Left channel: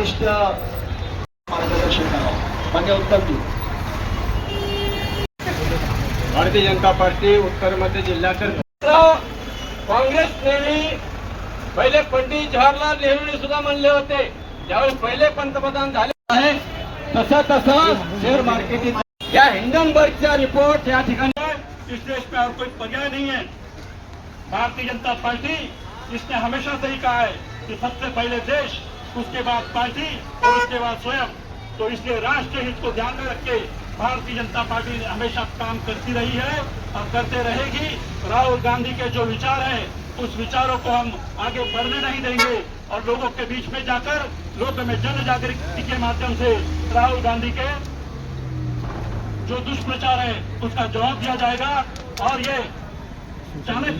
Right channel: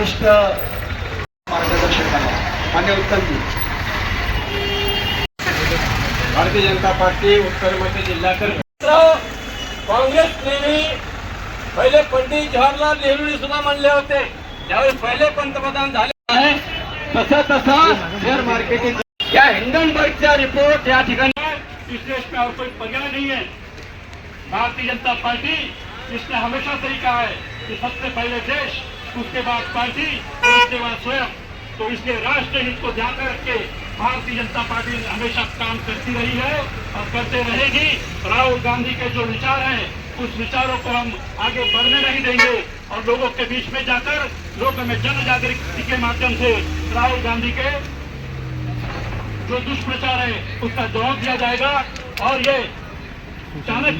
ज्येष्ठ मार्गदर्शक आहे. मान्य उत्तमजी भारतीय जनता पार्टी उत्तर मध्य जिल्ह्याकर काँग्रेस नेहमी पहिले पंडित जवाहरलाल नेहरूंनी सुद्धा म्हणले होते. ज्यावेळेस पहिले पंतप्रधान झाले आहे तसं तसं शेअर मार्केटिंग या हिंडनबर्गचा रिपोर्ट या ठिकाणी इस देश में और कोई पंजा नहीं है भारतीय जनता पार्टी इसने हमेशा से ही कहा है कि सबसे पहले देश. उसके बाद पार्टी और उसके बाद स्वयं। तो इसलिए राष्ट्र हित को ध्यान में रख के भारतीय जनता पार्टी हमेशा काम करती रही है और करते रहेगी। राहुल गांधी के जो विचार हैं, उस विचारों को हम आगे बढ़ने नहीं देंगे और लोगों के बीच में जाकर, लोगों में जन जागृति के माध्यम से राहुल गांधी के जो दुष्प्रचार है, उसका जवाब दिया जाएगा। और ये जाने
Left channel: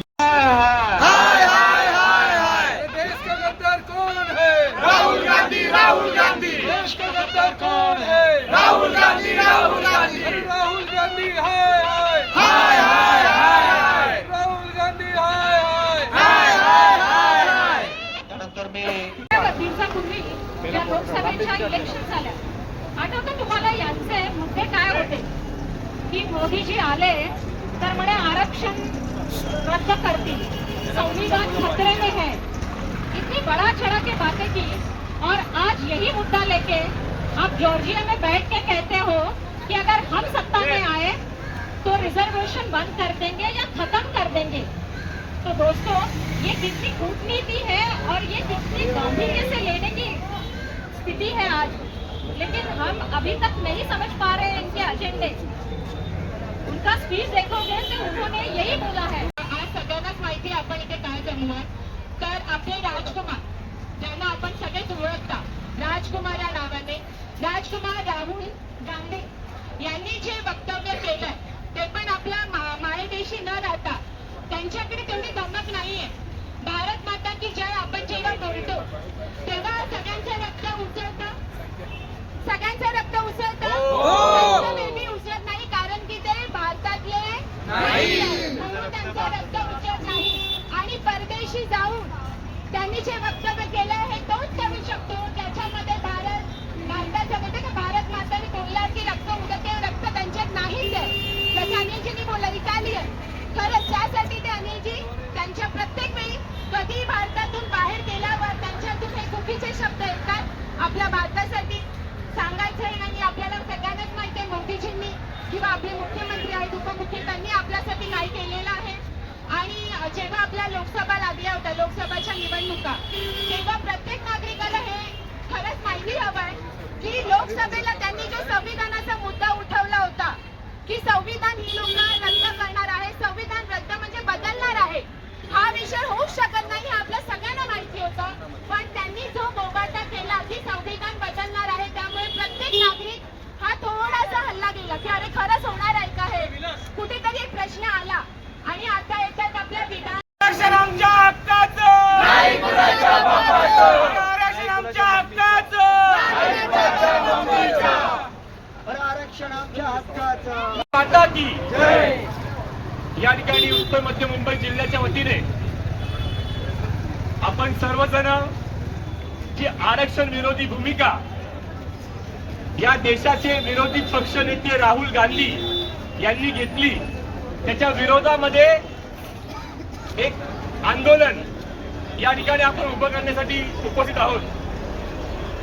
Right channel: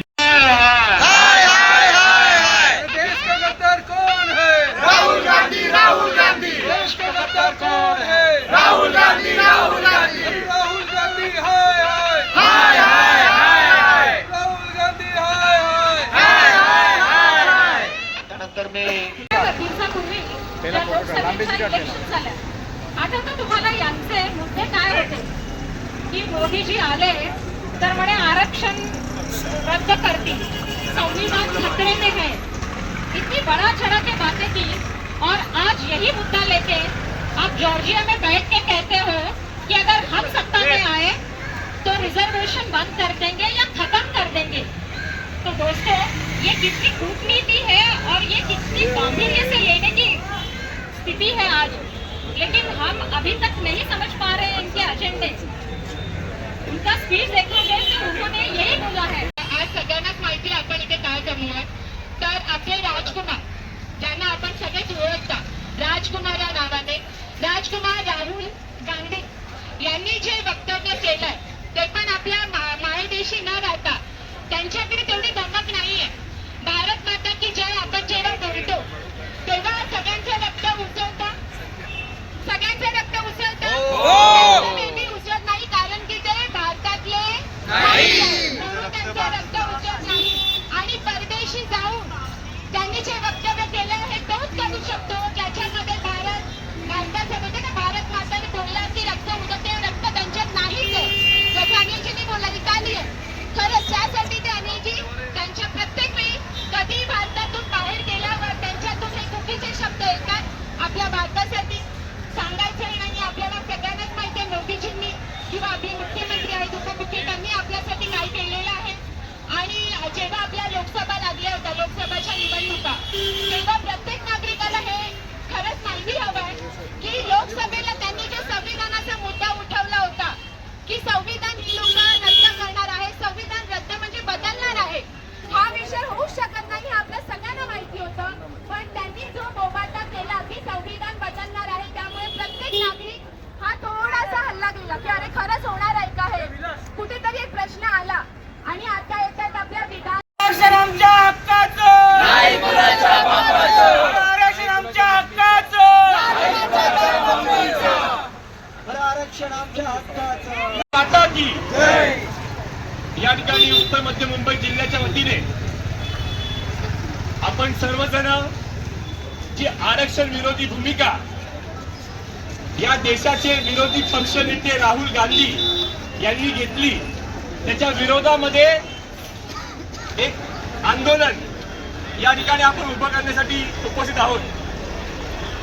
राहुल गांधी। देश का गद्दार कौन है? राहुल गांधी राहुल गांधी। राहुल गांधी हाय हाय। हाय हाय हाय राहुल गांधी हाय हाय। त्यानंतर मी दिवसापूर्वी ज्या लोकसभेच्या इलेक्शन झाल्या. आठवतं तुम्हाला यांचे मुद्दे काय होते? की मोदीजी आले तर म्हणे आरक्षण रद्द करतील. संविधान खतरे में है इतनी बड़ा चढ़ा के बातें की और आज यही मुद्दा लेके आप जॉर्जिया में बैठ के कहते हो कि अगर हम सत्ता में आए तो रिजर्वेशन बंद कर देंगे या खत्म कर देंगे। तो दोस्तों, ये कितनी कूटनीति है और ये कितनी गांधीर्य से लेने की स्थिति है आज। लेकिन हम अभी तक नहीं समझ पा रहे हैं इनके एजेंडे उनका स्पीच देखोगे तो उन्होंने यही बोला है। आज सगळ्यांनाच माहिती आपण इथे काय जमलोय तर आपले राजकुमार ज्यांना आपण सगळेच ओळखता राजकुमार या नावाने. राजकुमार राहुल गांधी यांनी जे वक्तव्य केलंय ते पण आपल्या मायदेशी न राहता. त्यांच्याकडे तेवढी धमक नाहीये. भारत माता की जय आपण जेव्हा बोलतो तेव्हा सगळ्यांचं रक्त उचलता सगळ्यांचं रक्त उचलता त्यांचं नेहमी उचलत नाही कारण की ते भारतातले त्यांचं रक्त उचलत नाही. आणि परदेशी जाऊन त्यांनी जे वक्तव्य खरंच त्यासाठी त्यांनी जी त्यांच्या प्रत्येक वेळी कधी भारतातून बाहेर गेल्यावर त्यांच्यातून हे चुकीचे शब्द येतात आपल्या भारतासाठी सांगायचं नाही आपल्याला सगळ्यांनाच माहिती आहे मोदीजींनी किंवा आपले मुख्यमंत्री आहेत उपमुख्य त्यांनी आपल्यासाठी काय केलेलं आहे. आणि जेव्हा आपल्या लोकसभा लागल्या होत्या लोकसभाच्या निवडणुका तेव्हा प्रत्येक नागरिकाला हे खरंच माहिती हवंय की लोकसभेला त्यांनी जो संविधानाचा मुद्दा उठवला होता की संविधान ही लोक रद्द करणार आहे संविधान रद्द म्हणजे बदलणार आहे हा विषय होऊच शकत नाही हे आपल्या सगळ्यांना माहिती होतं पण त्यांनी जो बोबाटा केला की संविधान बदलणार आहे त्यामुळे प्रत्येक नागरिक हा थोडासा हल्ला गेला की अरे खरंच होणार आहे का हे कुठेतरी एक प्रश्न आला आणि आता येतात आपल्या विधान आरक्षण आमच्या हक्काचं नाही कुणाच्या आरक्षण आमच्या हक्काचं की या ठिकाणी उत्तर मध्य मुंबई जिल्ह्याच्या वतीने आपण सर्वजण जी आरक्षण विरोधी भूमिका या देशाचे विरोधी पक्ष नेते राहुल गांधी यांनी घेतली त्याच्या विरोधामध्ये एक आंदोलन या ठिकाणी आपण उभं करण्यासाठी उपस्थित आहोत.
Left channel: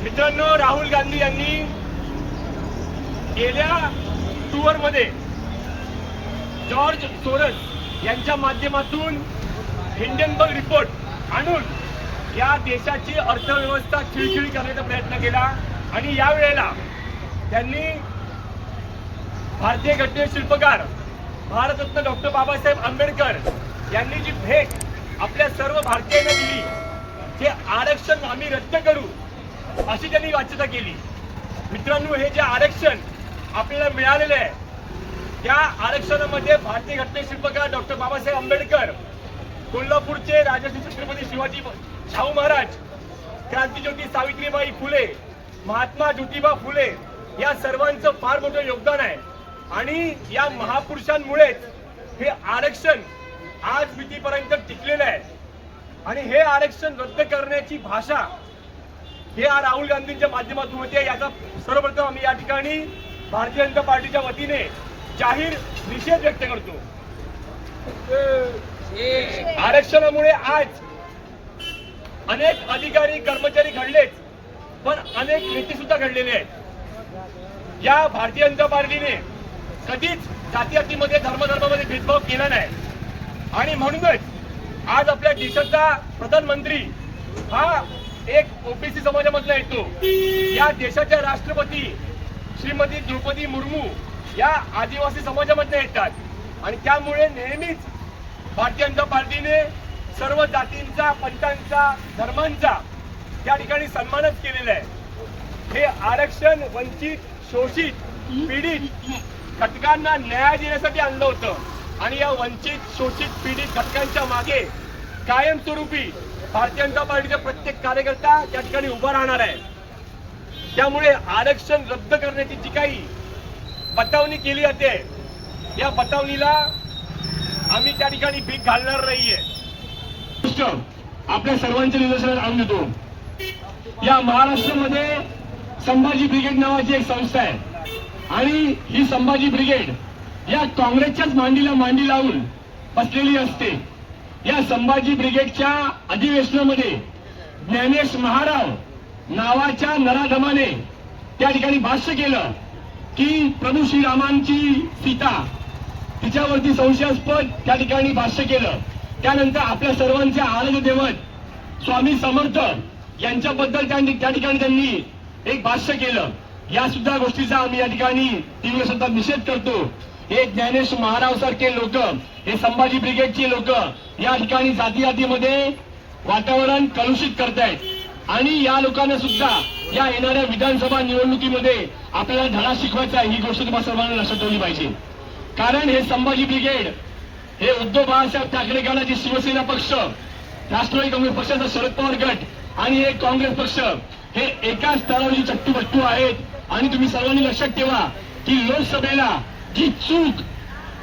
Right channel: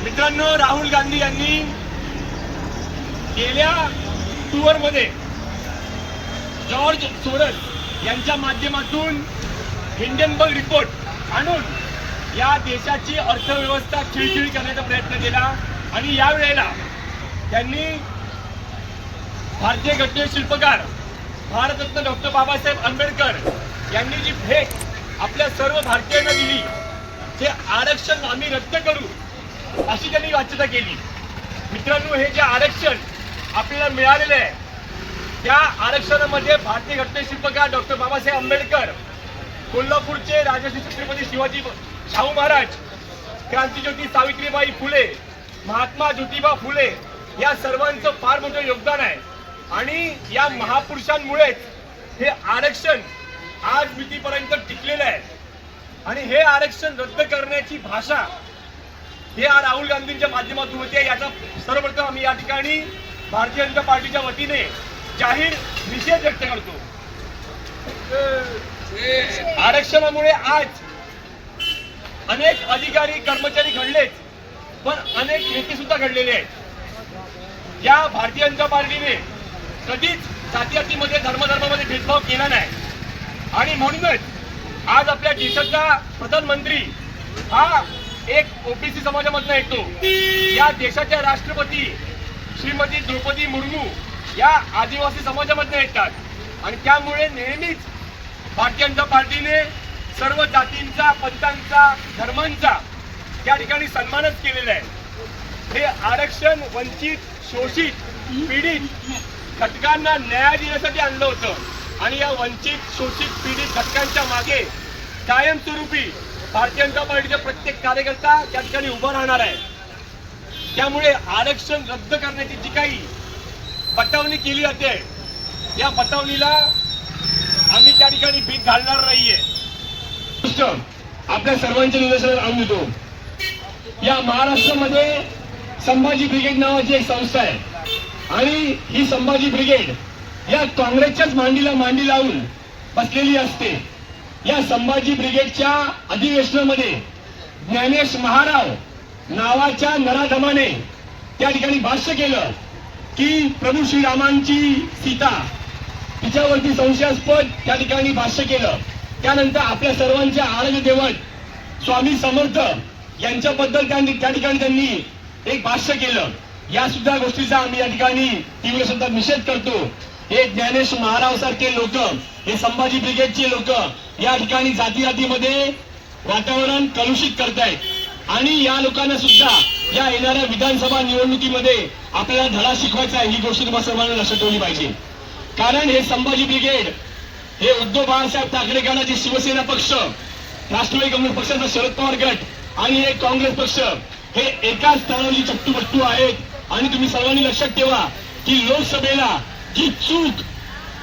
मित्रांनो राहुल गांधी यांनी गेल्या टूरमध्ये जॉर्ज सोरस यांच्या माध्यमातून हिंडनबर्ग रिपोर्ट आणून या देशाची अर्थव्यवस्था खिळखिळी करण्याचा प्रयत्न केला. आणि यावेळेला त्यांनी भारतीय घटने शिल्पकार भारतरत्न डॉक्टर बाबासाहेब आंबेडकर यांनी जी भेट आपल्या सर्व भारतीयांना दिली ते आरक्षण आम्ही रद्द करू अशी त्यांनी वाच्यता केली. मित्रांनो हे जे आरक्षण आपल्याला मिळालेलं आहे. त्या आरक्षणामध्ये भारतीय घटने शिल्पकार डॉक्टर बाबासाहेब आंबेडकर कोल्हापूरचे राजश्री छत्रपती शिवाजी शाहू महाराज क्रांतीज्योती सावित्रीबाई फुले महात्मा ज्योतिबा फुले या सर्वांचं फार मोठं योगदान आहे. आणि या महापुरुषांमुळेच हे आरक्षण आज मितीपर्यंत टिकलेलं आहे. आणि हे आरक्षण रद्द करण्याची भाषा हे राहुल गांधींच्या माध्यमातून होते याचा सर्वप्रथम आम्ही या ठिकाणी भारतीय जनता पार्टीच्या वतीने जाहीर निषेध व्यक्त करतो. आरक्षणामुळे आज अनेक अधिकारी कर्मचारी घडलेत पण अनेक नेते सुद्धा घडलेले आहेत. या भारतीय जनता पार्टीने कधीच जातीजातीमध्ये धर्मधर्मामध्ये भेदभाव केला नाही. आणि म्हणूनच आज आपल्या देशाचा प्रधानमंत्री हा एक ओबीसी समाजामधला येतो. या देशाच्या राष्ट्रपती श्रीमती द्रौपदी मुर्मू या आदिवासी समाजामध्ये येतात. आणि त्यामुळे नेहमीच भारतीय जनता पार्टीने सर्व जातींचा पंथांचा धर्मांचा त्या ठिकाणी सन्मानच केलेला आहे. हे आरक्षण वंचित शोषित पीडित घटकांना न्याय देण्यासाठी आणलं होतं. आणि या वंचित शोषित पीडित घटकांच्या मागे कायमस्वरूपी भारतीय जनता पार्टीचा प्रत्येक कार्यकर्ता त्या ठिकाणी उभा राहणार आहे. त्यामुळे आरक्षण रद्द करण्याची जी काही बतावणी केली जाते या बतावणीला आम्ही त्या ठिकाणी भीक घालणार नाहीये. आपल्या सर्वांच्या निदर्शनात आणून देतो. या महाराष्ट्रामध्ये संभाजी ब्रिगेड नावाची एक संस्था आहे. आणि ही संभाजी ब्रिगेड या काँग्रेसच्याच मांडीला मांडी लावून बसलेली असते. या संभाजी ब्रिगेडच्या अधिवेशनामध्ये ज्ञानेश महाराव नावाच्या नराधमाने त्या ठिकाणी भाष्य केलं की प्रभू श्रीरामांची सीता तिच्यावरती संशयास्पद त्या ठिकाणी भाष्य केलं. त्यानंतर आपल्या सर्वांच्या आराध्य देवत स्वामी समर्थ यांच्याबद्दल त्या ठिकाणी त्यांनी एक भाष्य केलं. या सुद्धा गोष्टीचा आम्ही या ठिकाणी तीव्र सुद्धा निषेध करतो. हे ज्ञानेश महाराव सारखे लोक हे संभाजी ब्रिगेडचे लोक या ठिकाणी जाती जातीमध्ये वातावरण कलुषित करतायत. आणि या लोकांना सुद्धा या येणाऱ्या विधानसभा निवडणुकीमध्ये आपल्याला धडा शिकवायचा आहे ही गोष्ट तुम्हाला सर्वांना लक्षात ठेवली पाहिजे. कारण हे संभाजी ब्रिगेड हे उद्धव बाळासाहेब ठाकरे गटाचे शिवसेना पक्ष राष्ट्रवादी काँग्रेस पक्षाचा शरद पवार गट आणि हे काँग्रेस पक्ष हे एकाच स्तरावरची चट्टूपट्टू आहेत. आणि तुम्ही सर्वांनी लक्षात ठेवा की लोकसभेला जी चूक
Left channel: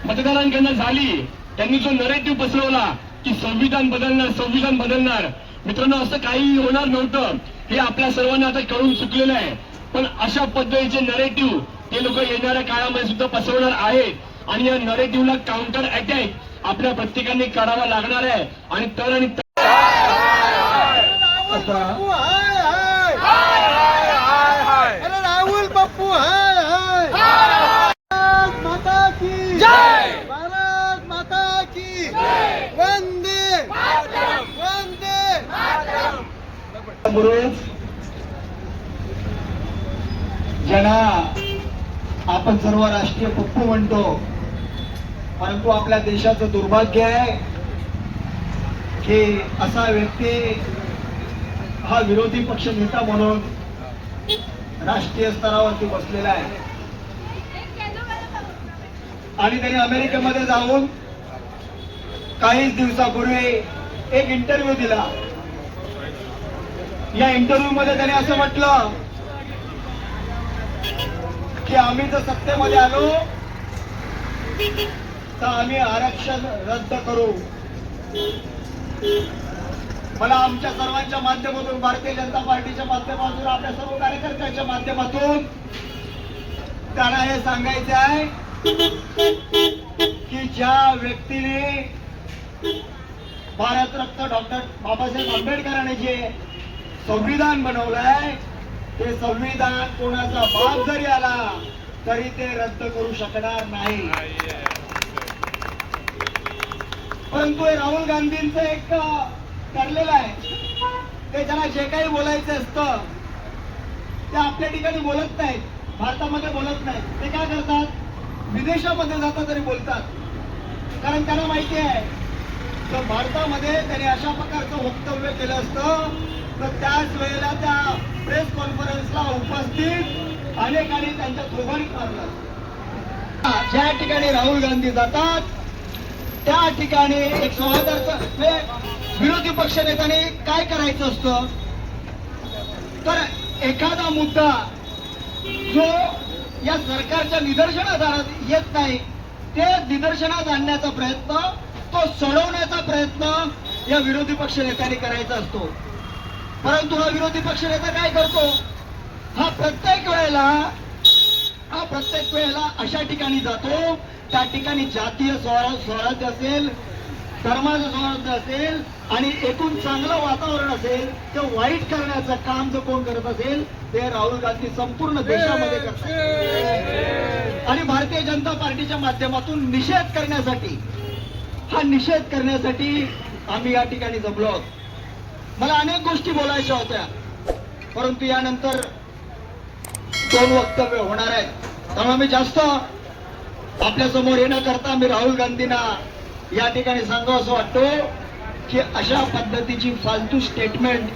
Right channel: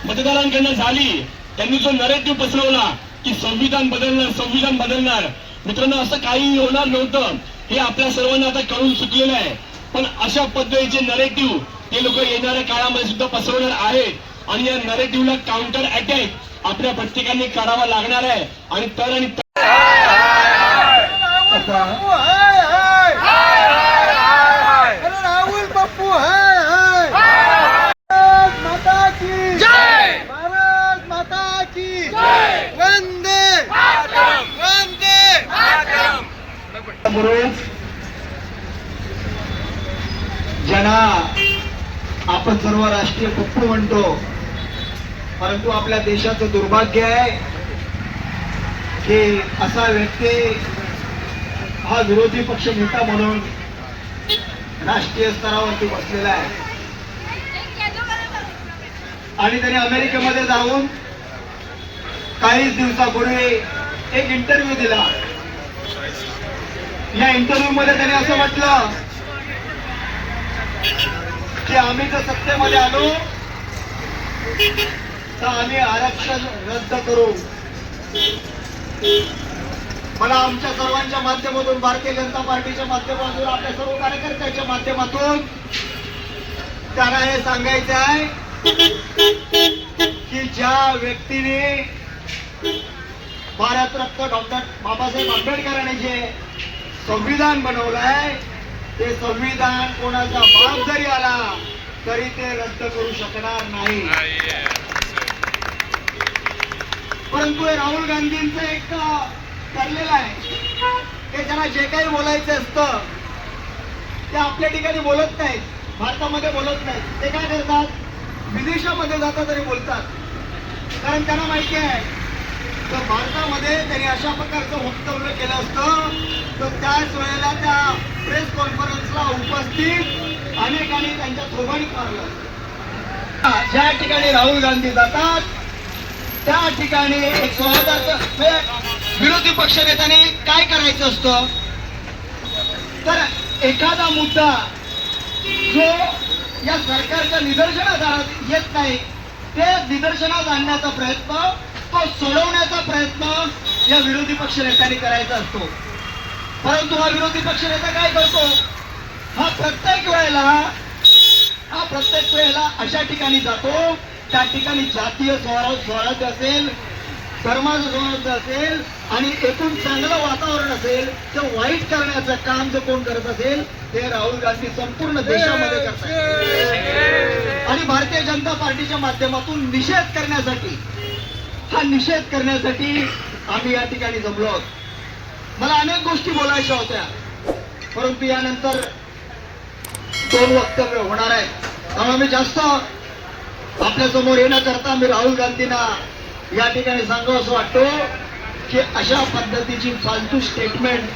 मतदारांकडनं झाली त्यांनी जो नरेटिव्ह पसरवला की संविधान बदलणार संविधान बदलणार मित्रांनो असं काही होणार नव्हतं. हे आपल्या सर्वांना आता कळून चुकलेलं आहे. पण अशा पद्धतीचे नरेटिव्ह ते लोक येणाऱ्या काळामध्ये सुद्धा पसरवणार आहेत. आणि या नरेटिव्हला काउंटर अटॅक आपल्या प्रत्येकाने करावा लागणार आहे. आणि तर आणि तर- अरे राहुल पप्पू हाय हाय भारत माता की जय भारत माता की जय वंदे वंदे बरोबर ज्यांना आपण सर्व राष्ट्रीय पप्पू म्हणतो परंतु आपल्या देशाचं दुर्भाग्य आहे की असा व्यक्ती हा विरोधी पक्ष नेता म्हणून राष्ट्रीय स्तरावरती बसलेला आहे. आणि त्यांनी अमेरिकेमध्ये जाऊन काहीच दिवसापूर्वी एक इंटरव्ह्यू दिला. या इंटरव्ह्यू मध्ये त्याने असं म्हटलं की आम्ही जर सत्तेमध्ये आलो तर आम्ही आरक्षण रद्द करू. मला आमच्या सर्वांच्या माध्यमातून भारतीय जनता पार्टीच्या माध्यमातून आपल्या सर्व कार्यकर्त्यांच्या माध्यमातून त्यांना हे सांगायचं आहे की ज्या व्यक्तीने भारतरत्न डॉक्टर बाबासाहेब आंबेडकरांनी जे संविधान बनवलंय. ते संविधान कोणाचा बाप जरी आला तरी ते रद्द करू शकणार नाही. परंतु हे राहुल गांधींचं एक ठरलेलं आहे. ते त्यांना जे काही बोलायचं असतं ते आपल्या ठिकाणी बोलत नाहीत. भारतामध्ये बोलत नाहीत. ते काय करतात? विदेशामध्ये जातात तरी बोलतात. कारण त्यांना माहिती आहे तर भारतामध्ये त्यांनी अशा प्रकारचं वक्तव्य केलं असतं तर त्याच वेळेला त्या प्रेस कॉन्फरन्सला उपस्थित अनेकांनी त्यांच्या थोबाडीत मारलं असतं. ज्या ठिकाणी राहुल गांधी जातात त्या ठिकाणी एक स्वागताचं म्हणजे विरोधी पक्ष नेत्याने काय करायचं असतं तर एखादा मुद्दा जो या सरकारच्या निदर्शनास येत नाही ते निदर्शनास आणण्याचा प्रयत्न तो सोडवण्याचा प्रयत्न या विरोधी पक्ष नेत्यांनी करायचा असतो. परंतु हा विरोधी पक्षनेता काय करतो? हा प्रत्येक वेळेला हा प्रत्येक वेळेला अशा ठिकाणी जातो त्या ठिकाणी जातीय स्वरा- स्वराज्य असेल धर्माचं स्वराज्य असेल आणि एकूण चांगलं वातावरण असेल ते वाईट करण्याचं काम जर कोण करत असेल ते राहुल गांधी संपूर्ण देशामध्ये करतात. आणि भारतीय जनता पार्टीच्या माध्यमातून निषेध करण्यासाठी हा निषेध करण्यासाठी आम्ही या ठिकाणी जमलो आहोत. मला अनेक गोष्टी बोलायच्या होत्या. परंतु यानंतर दोन वक्तव्य होणार आहेत. त्यामुळे मी जास्त आपल्यासमोर येण्याकरता करता मी राहुल गांधींना या ठिकाणी सांगावं असं वाटतो की अशा पद्धतीची फालतू स्टेटमेंट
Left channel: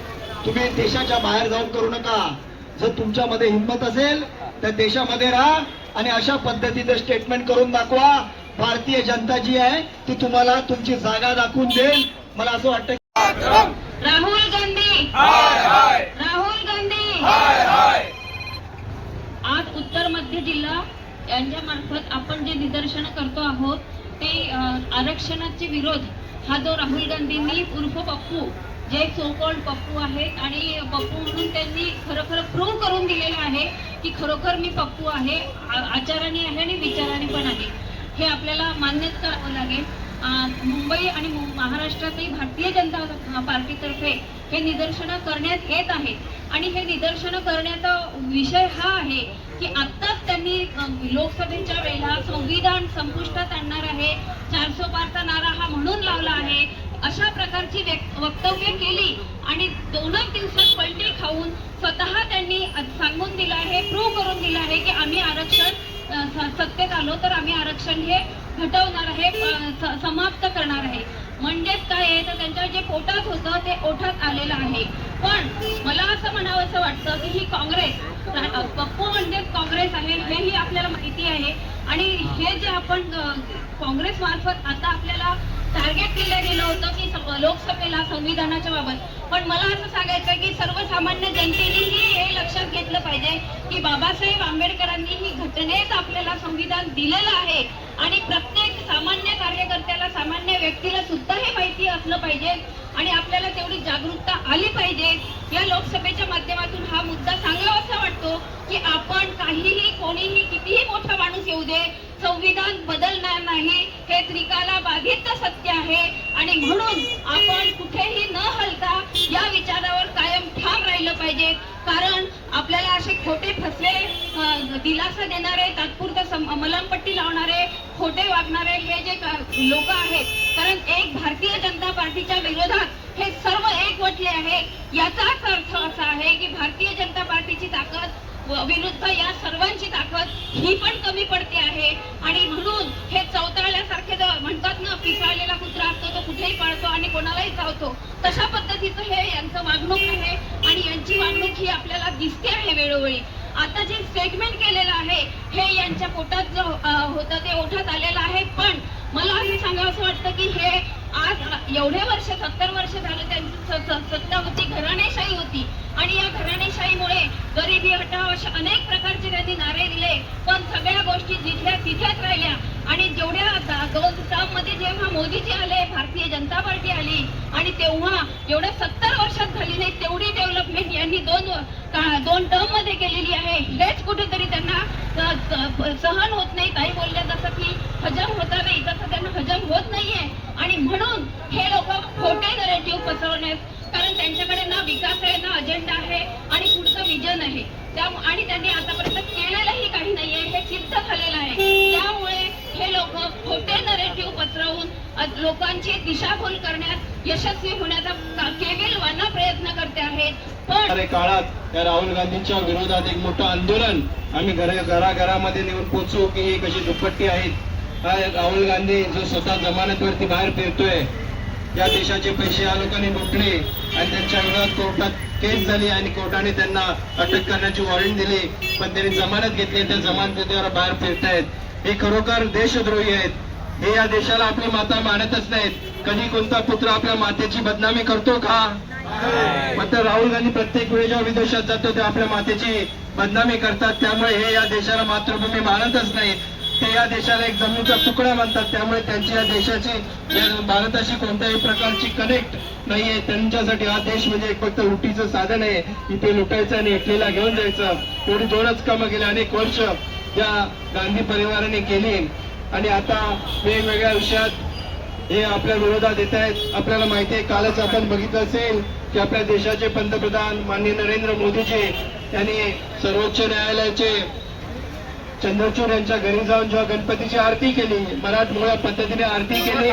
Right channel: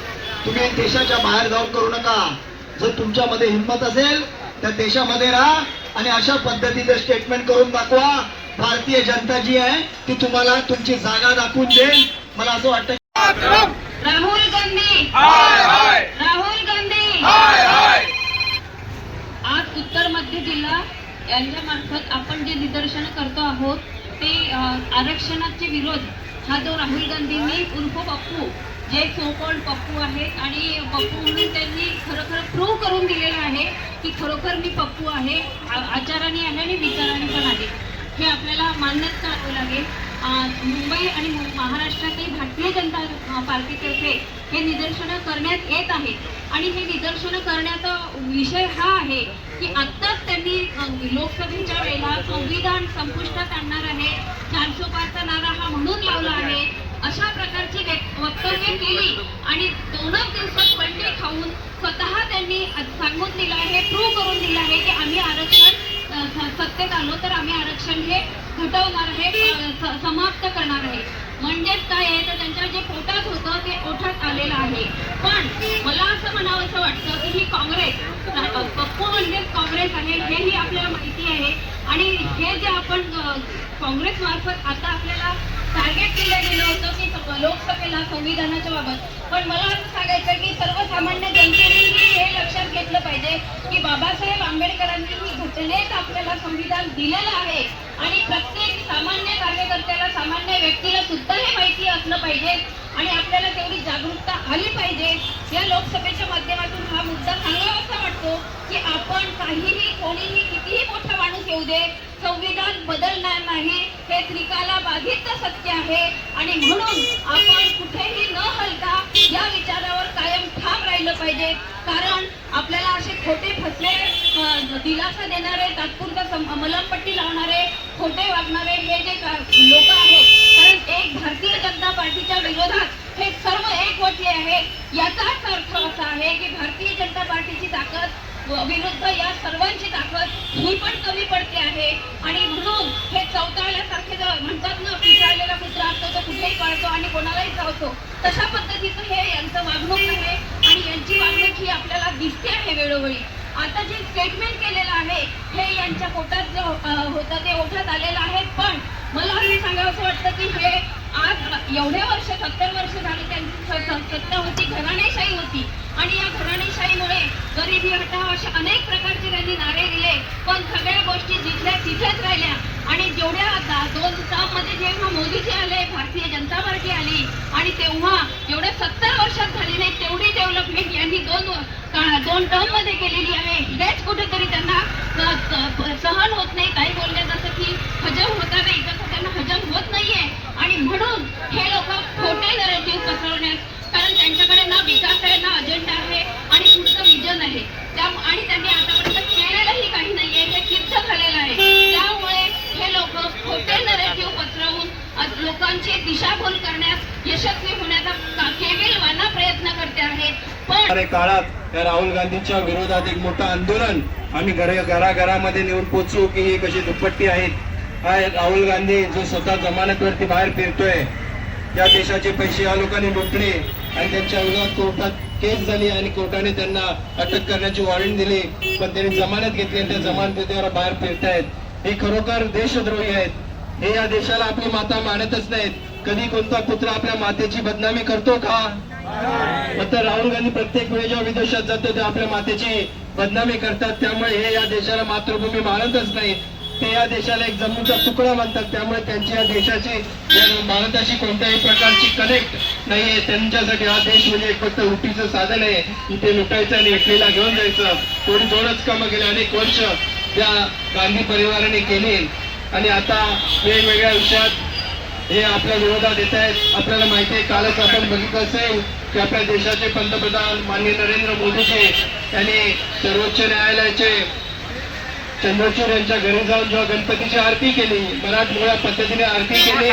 तुम्ही देशाच्या बाहेर जाऊन करू नका. जर तुमच्यामध्ये हिंमत असेल तर देशामध्ये राहा आणि अशा पद्धतीचं स्टेटमेंट करून दाखवा. भारतीय जनता जी आहे ती तुम्हाला तुमची जागा दाखवून देईल. मला असं वाटतं राहुल गांधी! राहुल गांधी! आज उत्तर मध्य जिल्हा यांच्या मार्फत आपण जे निदर्शन करतो आहोत ते आरक्षणाचे विरोध हा जो राहुल गांधींनी उर्फ पप्पू जे सोकॉल्ड पप्पू आहेत आणि पप्पू म्हणून त्यांनी खरोखर प्रूव्ह करून दिलेलं आहे की खरोखर मी पप्पू आहे आचाराने आहे आणि विचाराने पण आहे. हे आपल्याला मान्यच करावं लागेल. मुंबई आणि मु- महाराष्ट्रातही भारतीय जनता पार्टीतर्फे हे निदर्शनं करण्यात येत आहे आणि हे निदर्शनं करण्याचा विषय हा आहे की आत्ताच त्यांनी लोकसभेच्या वेळेला संविधान संपुष्टात आणणार आहे चारशे पाचचा नारा हा म्हणून लावला आहे अशा प्रकारची वक्तव्य केली आणि दोनच दिवसात पलटी खाऊन स्वतः त्यांनी सांगून दिलं आहे प्रूव्ह करून दिलं आहे की आम्ही आरक्षण सत्तेत आलो तर आम्ही आरक्षण हे हटवणार आहे स- समाप्त करणार आहे. म्हणजेच काय आहे तर त्यांच्या जे पोटात होतं ते ओठात आलेलं आहे. पण मला असं म्हणावं असं वाटतं की ही काँग्रेस पप्पू म्हणजेच काँग्रेस आहे हेही आपल्याला माहिती आहे. आणि हे जे आपण काँग्रेस मार्फत आता आपल्याला टार्गेट केलं गेलं होतं की लोकसभेला संविधानाच्या बाबत. पण मला असं सांगायचं की सर्वसामान्य जनतेने हे लक्षात घेतलं पाहिजे की बाबासाहेब आंबेडकरांनी ही घटनेत आपल्याला संविधान दिलेलं आहे आणि प्रत्येक सामान्य कार्यकर्त्याला सामान्य व्यक्तीला सुद्धा हे माहिती असलं पाहिजे आणि आपल्याला तेवढी जागरूकता आली पाहिजे. या लोकसभेच्या माध्यमातून हा मुद्दा चांगला असा वाटतो की आपण काहीही कोणीही कितीही मोठा माणूस येऊ दे संविधान बदलणार नाही हे त्रिकाला बाधित सत्य आहे. आणि म्हणून आपण कुठेही न हलता या विचारावर कायम ठाम राहिलं पाहिजे. कारण आपल्याला असे खोटे फसले दिलासा देणारे तात्पुरता मलमपट्टी लावणारे खोटे वागणारे हे जे लोक आहेत कारण एक भारतीय जनता पार्टीच्या विरोधात हे सर्व एकवटले आहेत याचाच अर्थ असा आहे की भारतीय जनता पार्टीची ताकद विरुद्ध या सर्वांची ताकद ही पण कमी पडते आहे. आणि म्हणून हे चौताळल्यासारखे जर म्हणतात ना पिसाळलेला कुत्रा असतो तो कुठेही पळतो आणि कोणालाही चावतो. तशा पद्धतीचं हे यांचं वागणूक आहे आणि यांची वागणूक ही आपल्याला दिसते आहे वेळोवेळी. आता जे स्टेटमेंट केलेलं आहे हे यांच्या पोटात जे होतं ते ओठात आलेलं आहे. पण मला हे सांगावं असं वाटतं की हे आज एवढे वर्ष सत्तर वर्ष झाले त्यांची सत्ता होती घराणेशाही होती. आणि या घराणेशाहीमुळे गरिबी हटाव असे अनेक प्रकारचे त्यांनी नारे दिले. पण सगळ्या गोष्टी जिथल्या तिथेच राहिल्या. आणि जेवढ्या आता दोन टर्ममध्ये जेव्हा मोदीजी आले भारतीय जनता पार्टी आली आणि तेव्हा जेवढ्या सत्तर वर्षात झाली नाही तेवढी डेव्हलपमेंट यांनी दोन दोन टर्ममध्ये केलेली आहे. हेच कुठेतरी त्यांना सहन होत नाही. काही बोलले जसं की हजम होता नाही. तसं त्यांना हजम होत नाहीये. आणि म्हणून हे लोक खोटे नरेटिव्ह पसरवण्यास कारण त्यांच्याकडे ना विकास आहे ना अजेंडा आहे आणि पुढचं विजन आहे. त्या आणि त्यांनी आतापर्यंत केलेलंही काही नाहीये. हे सिद्ध झालेलं आहे. त्यामुळे हे लोक खोटे नरेटिव्ह पसरवून लोकांची दिशाभूल करण्यास यशस्वी होण्याचा का- केविलवाना प्रयत्न करते आहेत काळात या राहुल गांधींच्या विरोधात एक मोठं आंदोलन आम्ही घर घराघरामध्ये नेऊन पोचू की ही कशी दुपट्टी आहेत? हा एक राहुल गांधी जो स्वतः जमानतवरती बाहेर फिरतोय. त्या देशाचे पैसे या लोकांनी लुटले आणि त्यांच्या विरोधात कोर्टात केस झाली आणि कोर्टाने त्यांना अटक करण्याची वॉरंट दिली. पण त्यांनी जमानत घेतली त्या जमानतीद्वारे बाहेर फिरतायत. हे खरोखर देशद्रोही आहेत. हे या देशाला आपली माता मानतच नाहीत. कधी कोणता पुत्र आपल्या मातेची बदनामी करतो का? मात्र राहुल गांधी प्रत्येक वेळी जेव्हा विदेशात जातो ते आपल्या मातेची बदनामी करतात. त्यामुळे हे या देशाला मातृभूमी मानतच नाहीत. ते या देशाला एक जमिनीचा तुकडा मानतात. त्यामुळे त्यांची या देशाची भारताशी कोणत्याही प्रकारची कनेक्ट नाहीये. त्यांच्यासाठी हा देश म्हणजे एक फक्त लुटीचं साधन आहे. इथे लुटायचं आणि इटलीला घेऊन जायचं. थोडी जोडच कामं गेले अनेक वर्ष त्या गांधी परिवाराने केली. आणि आता वेगवेगळ्या विषयात हे आपल्या विरोधात येत आहेत. आपल्याला माहिती आहे कालच आपण बघितलं असेल की आपल्या देशाचे पंतप्रधान माननीय नरेंद्र मोदीजी यांनी सर्वोच्च न्यायालयाचे चंद्रचूर यांच्या घरी जाऊन जेव्हा गणपतीची आरती केली मराठमोळ्या पद्धतीने आरती केली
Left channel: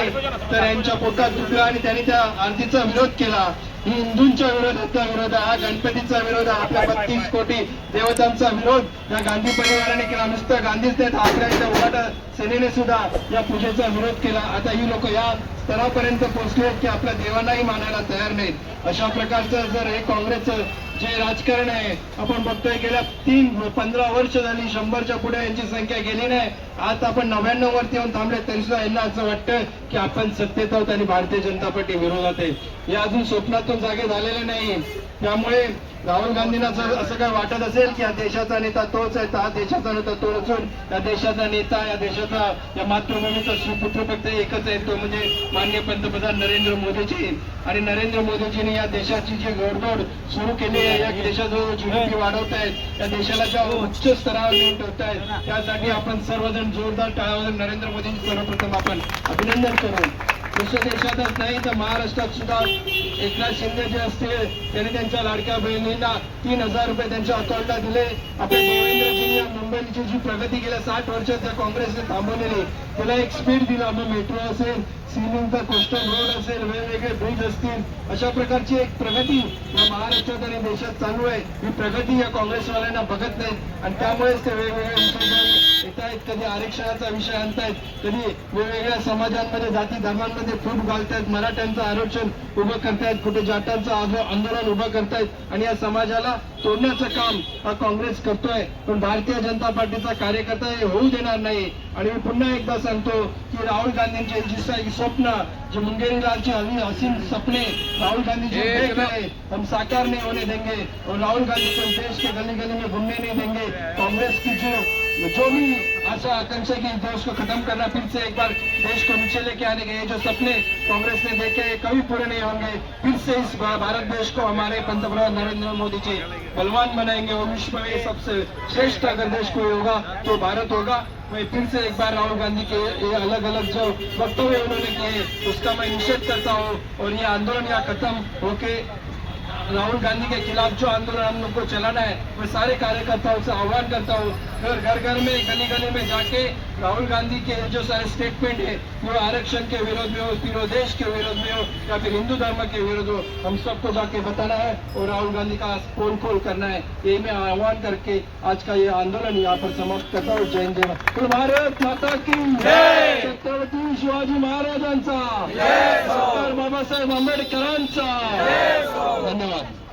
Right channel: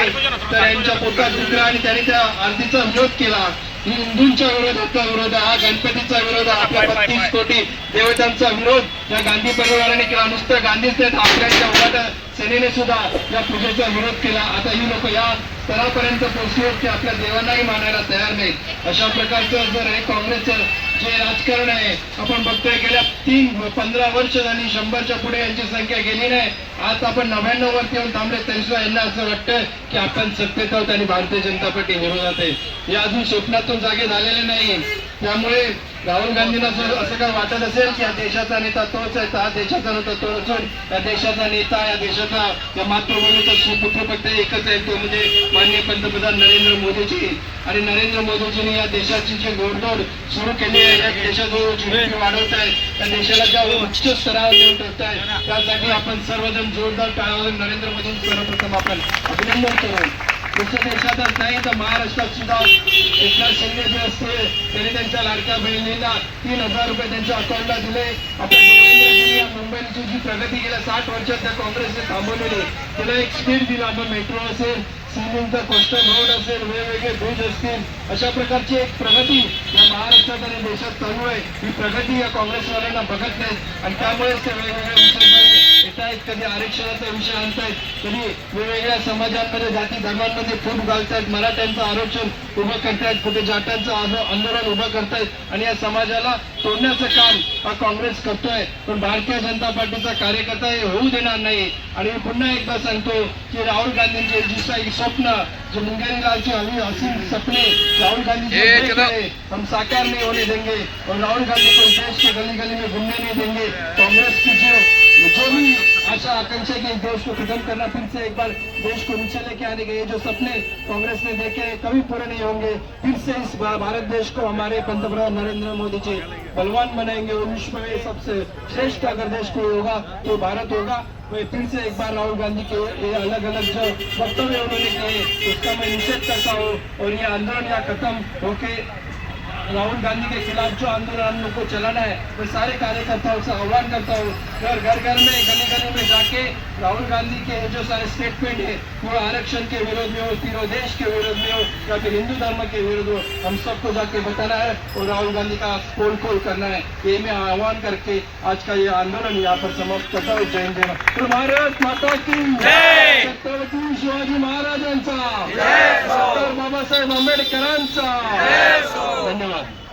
तर यांच्या पोटात दुखलं आणि त्यांनी त्या आरतीचा विरोध केला. हिंदूंच्या विरोधाचा विरोध हा गणपतीचा विरोध आपल्या बत्तीस कोटी देवतांचा विरोध. या गांधी परिवाराने केला नुसतं गांधीच नाहीत आपल्या उघाट सेनेने सुद्धा या पूजेचा विरोध केला. आता ही लोक या स्तरापर्यंत पोहोचले की आपल्या देवांनाही मानायला तयार नाहीत. अशा प्रकारचं जर हे काँग्रेसचं जे राजकारण आहे आपण बघतोय गेल्या तीन पंधरा वर्ष झाली शंभरच्या पुढे यांची संख्या गेली नाही. आज आपण नव्याण्णव वरती येऊन थांबले. तरी सुद्धा यांना असं वाटतं की आपण सत्तेत आहोत आणि भारतीय जनता पार्टी विरोधात आहे. हे अजून स्वप्नातून जागे झालेले नाही. त्यामुळे राहुल गांधींना जर असं काय वाटत असेल की या देशाचा नेता तोच आहे हा देशाचा नेता तो असून या देशाचा नेता या देशाचा या मातृभूमीचा सुपुत्र फक्त एकच आहे. तो म्हणजे माननीय पंतप्रधान नरेंद्र मोदीजी. आणि नरेंद्र मोदीजींनी या देशाची जी घोडदौड सुरू केली आहे या देशाजवळ जुने वाढवत आहेत त्या देशाला ज्या उच्च स्तरावर नेऊन ठेवत आहेत त्यासाठी आपण सर्वजण आपण जोरदार टाळाला नरेंद्र मोदींचं सर्वप्रथम आपण अभिनंदन करू. दुसऱ्या देशातच नाही तर महाराष्ट्रात सुद्धा एकनाथ शिंदे जे असते त्यांनी त्यांच्या लाडक्या बहिणींना तीन हजार रुपये त्यांच्या अकाउंटला दिले. आपल्या देवेंद्रजींनी मुंबईची जी प्रगती गेल्या साठ वर्षात त्या काँग्रेसने थांबवलेली त्याला एक स्पीड दिला. मग मेट्रो असेल सिमेंटचा कोस्टल रोड असेल वेगवेगळे ब्रिज असतील अशा प्रकारची एक प्रगती या महाराष्ट्रात आणि देशात चालू आहे. ही प्रगती या काँग्रेसवाल्यांना बघत नाहीत आणि त्यामुळेच ते वेगवेगळे आहेत कधी आरक्षणाचा विषय आणतायत कधी वेगवेगळ्या समाजांमध्ये जाती धर्मांमध्ये फूट घालतायत मराठ्यांचं आरक्षण उभं करतायत कुठे जाट्यांचं आंदो- आंदोलन उभं करतायत आणि या समाजाला तोडण्याचं काम हा काँग्रेस करतोय. पण भारतीय जनता पार्टीचा कार्यकर्ता हे होऊ देणार नाही. आणि मी पुन्हा एकदा सांगतो की राहुल गांधींचे जी काही स्वप्न जे मुंगेरी लालची हवी असीम सपने राहुल गांधी हम साकार नहीं होने देंगे. और राहुल गांधी को देश के गली गली में घूमने नहीं देंगे. कांग्रेस की जो जो भी आशा, आकांक्षा की देश को खत्म करना फिर से एक बार देश को नीचे लेके आने के जो सपने कांग्रेस ने देखे कभी पूरे नहीं होंगे। फिर से इस भारत देश को हमारे पंतप्रधान नरेंद्र मोदी जी बलवान बनाएँगे और विश्व में सबसे श्रेष्ठ अगर देश कोई होगा तो भारत होगा। मैं फिर से एक बार राहुल गांधी के ये अलग अलग जो वक्तव्य उन्होंने किए, उसका मैं निषेध करता हूँ और ये आंदोलन यहाँ खत्म होके राहुल गांधी के खिलाफ जो आंदोलन हम लोग को चलाना है मैं सारे कार्यकर्ताओं से आह्वान करता हूँ घर घर घर में गली गली में जाके राहुल गांधी के जो सारे स्टेटमेंट है वो आरक्षण के विरोध में हो तीनों देश के विरोध में हो या फिर हिंदू धर्म के विरोध हो हम सबको जाके बताना है और राहुल गांधी का पोल खोल करना है। ये मैं आह्वान करके आज का ये आंदोलन यहाँ पर समाप्त करता हूँ। जय हिंद भारत। माता की छत्रपती शिवाजी महाराजांचा। डॉक्टर बाबासाहेब आंबेडकरांचा। धन्यवाद।